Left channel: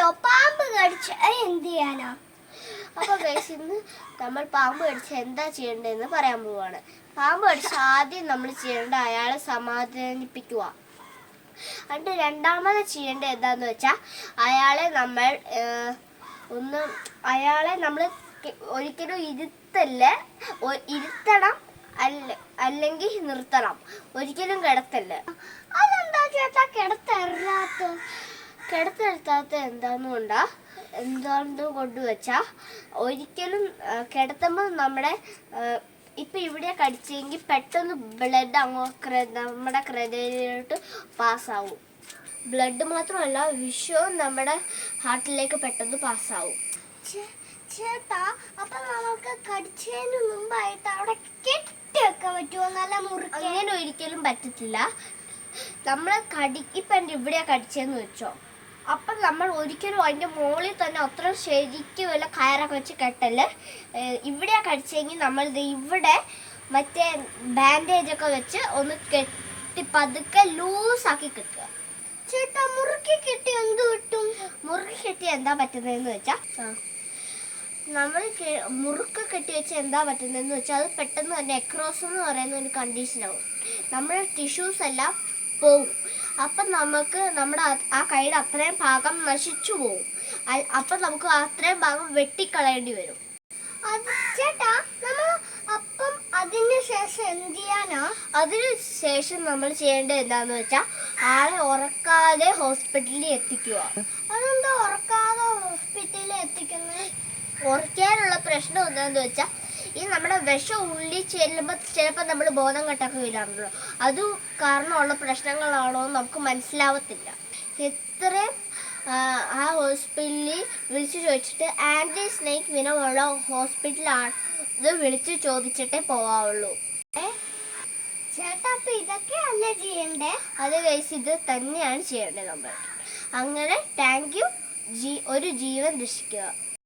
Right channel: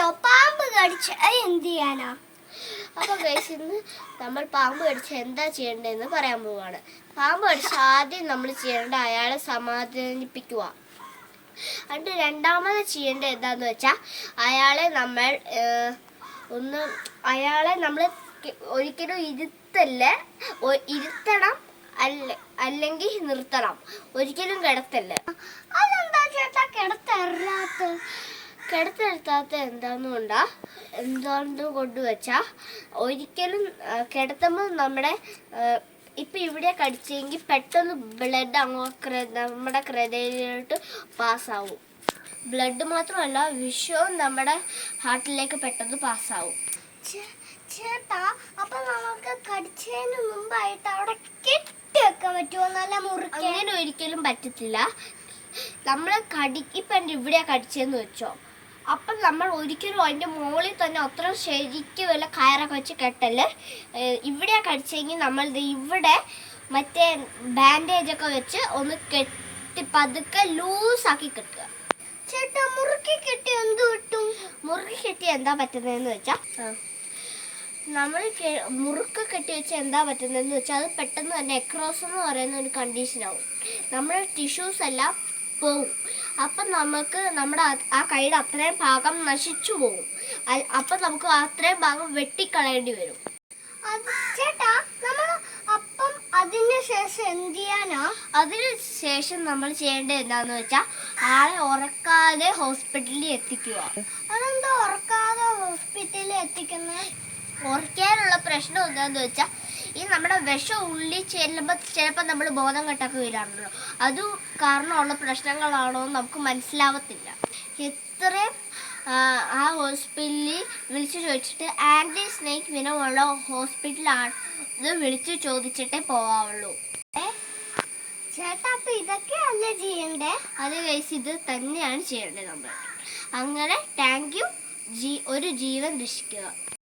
പറഞ്ഞല്ലോ പാമ്പ് കടിച്ച എന്ത് ചെയ്യാനാ? അപ്പോൾ ഗൈസ് ഇന്ന് നമ്മൾ പാമ്പ് കടിച്ച എന്താ ചെയ്യേണ്ടതെന്ന് പറയാൻ പോവാണ്. പാമ്പ് കടിച്ച ആദ്യം നമ്മൾ ചെയ്യേണ്ട അയാളെ സമാധാനിപ്പിക്കുക. എന്നിട്ട് രണ്ടാമത് ചെയ്യേണ്ടത് എന്താന്ന് വെച്ചാൽ അയാളെ നമ്മൾ ഒരിക്കലും ഇരുത്തണം, അല്ലെങ്കിൽ നിർത്തണം. ഒരിക്കലും കിടത്തല്ല. അതെന്താ ചേട്ടാ കിടത്തിരുത്താത്ത എന്താന്ന് കൊണ്ടുവച്ചാൽ ഒരിക്കലും കിടത്തുമ്പോൾ ഇപ്പം ഇവിടെ കടിച്ചെങ്കിൽ പെട്ടെന്ന് ബ്ലഡ് നമ്മുടെ ഹൃദയത്തിലോട്ട് പാസ്സാവും. ബ്ലഡ് മാത്രമല്ല വിഷവും നമ്മുടെ ഹാർട്ടിലേക്ക് പെട്ടെന്ന് പാസ്സാവും. ചേട്ടാ അപ്പൊ നമുക്ക് കടിച്ചതിന് മുമ്പായിട്ട് അവിടെ കെട്ടിവെക്കാൻ പറ്റുമോ? നല്ല മുറുക്കി. അങ്ങനെ ഒരിക്കലും പറ്റത്തില്ല. നമ്മൾ ഇപ്പം ഇവിടെയാ കടിച്ചതെന്ന് വെച്ചോ, അപ്പം നമ്മൾ ഒരിക്കലും അതിൻ്റെ മുകളിൽ തന്നെ അത്ര ശരിക്കും വല്ല കയറൊക്കെ വെച്ച് കെട്ടല്. ഇവിടെയാ കടിച്ചെങ്കിൽ നമ്മൾ ഇവിടെ മറ്റേ ബാൻഡേജൊക്കെ വെച്ച് ഒന്ന് കെട്ടി പതുക്കെ ലൂസാക്കി കെട്ടുക. ചേട്ടാ മുറുക്കി കെട്ടി എന്ത് കിട്ടും? മുറുക്കി കെട്ടി എന്താ പറ്റുന്നതെന്ന് വെച്ചാൽ നമ്മൾ മുറുക്ക് കെട്ടി വെച്ച് എന്താ പറ്റുന്നതെന്ന് വെച്ചാൽ അത് പെട്ടെന്ന് തന്നെ എക്രോസ് എന്ന് പറയുന്ന ഒരു കണ്ടീഷനാവും. നമ്മുടെ ടിഷ്യൂസ് എല്ലാം പോവും. അപ്പം നമുക്ക് നമ്മുടെ ആ കൈയുടെ അത്രയും ഭാഗം നശിച്ചു പോവും. അപ്പം നമുക്ക് അത്രയും ഭാഗം വെട്ടിക്കളയേണ്ടി വരും. ചേട്ടാ നമ്മൾ അപ്പം അതിന് ശേഷം എന്ത് ചെയ്യാനാ? അതിന് ശേഷം നമ്മൾ ചെയ്യേണ്ടത് എന്താണെന്ന് വെച്ചാൽ ആളെ ഉറക്കാതെ ഹോസ്പിറ്റലിൽ എത്തിക്കുക. അതെന്താ ഉറക്കാതെ ഹോസ്പിറ്റലിൽ എത്തിക്കുന്നത്? ഉറക്കാനുള്ള പ്രശ്നം എന്താണെന്ന് വെച്ചാൽ ഈ നമ്മുടെ വിഷം ഉള്ളിൽ ചെല്ലുമ്പോൾ ചിലപ്പോൾ നമ്മൾ ബോധം കെട്ടൊക്കെ വരാറുണ്ടല്ലോ. അത് കാരണമുള്ള പ്രശ്നങ്ങളാണോ എന്ന് നമുക്ക് മനസ്സിലാവത്തില്ല. എത്രയും ആ ഹോസ്പിറ്റലിൽ വിളിച്ചു ചോദിച്ചിട്ട് ആൻറ്റി സ്നേക്ക് വിനമുള്ള ഹോസ്പിറ്റലാണ് ഇത് വിളിച്ചു ചോദിച്ചിട്ടേ പോവാവുള്ളൂ. ചേട്ടാ അപ്പം ഇതൊക്കെയല്ലേ ചെയ്യണ്ടേ? അത് കഴിച്ച് ഇത് തന്നെയാണ് ചെയ്യേണ്ടത് നമ്മൾ. അങ്ങനെ താങ്ക് യു, ഒരു ജീവൻ രക്ഷിക്കുക.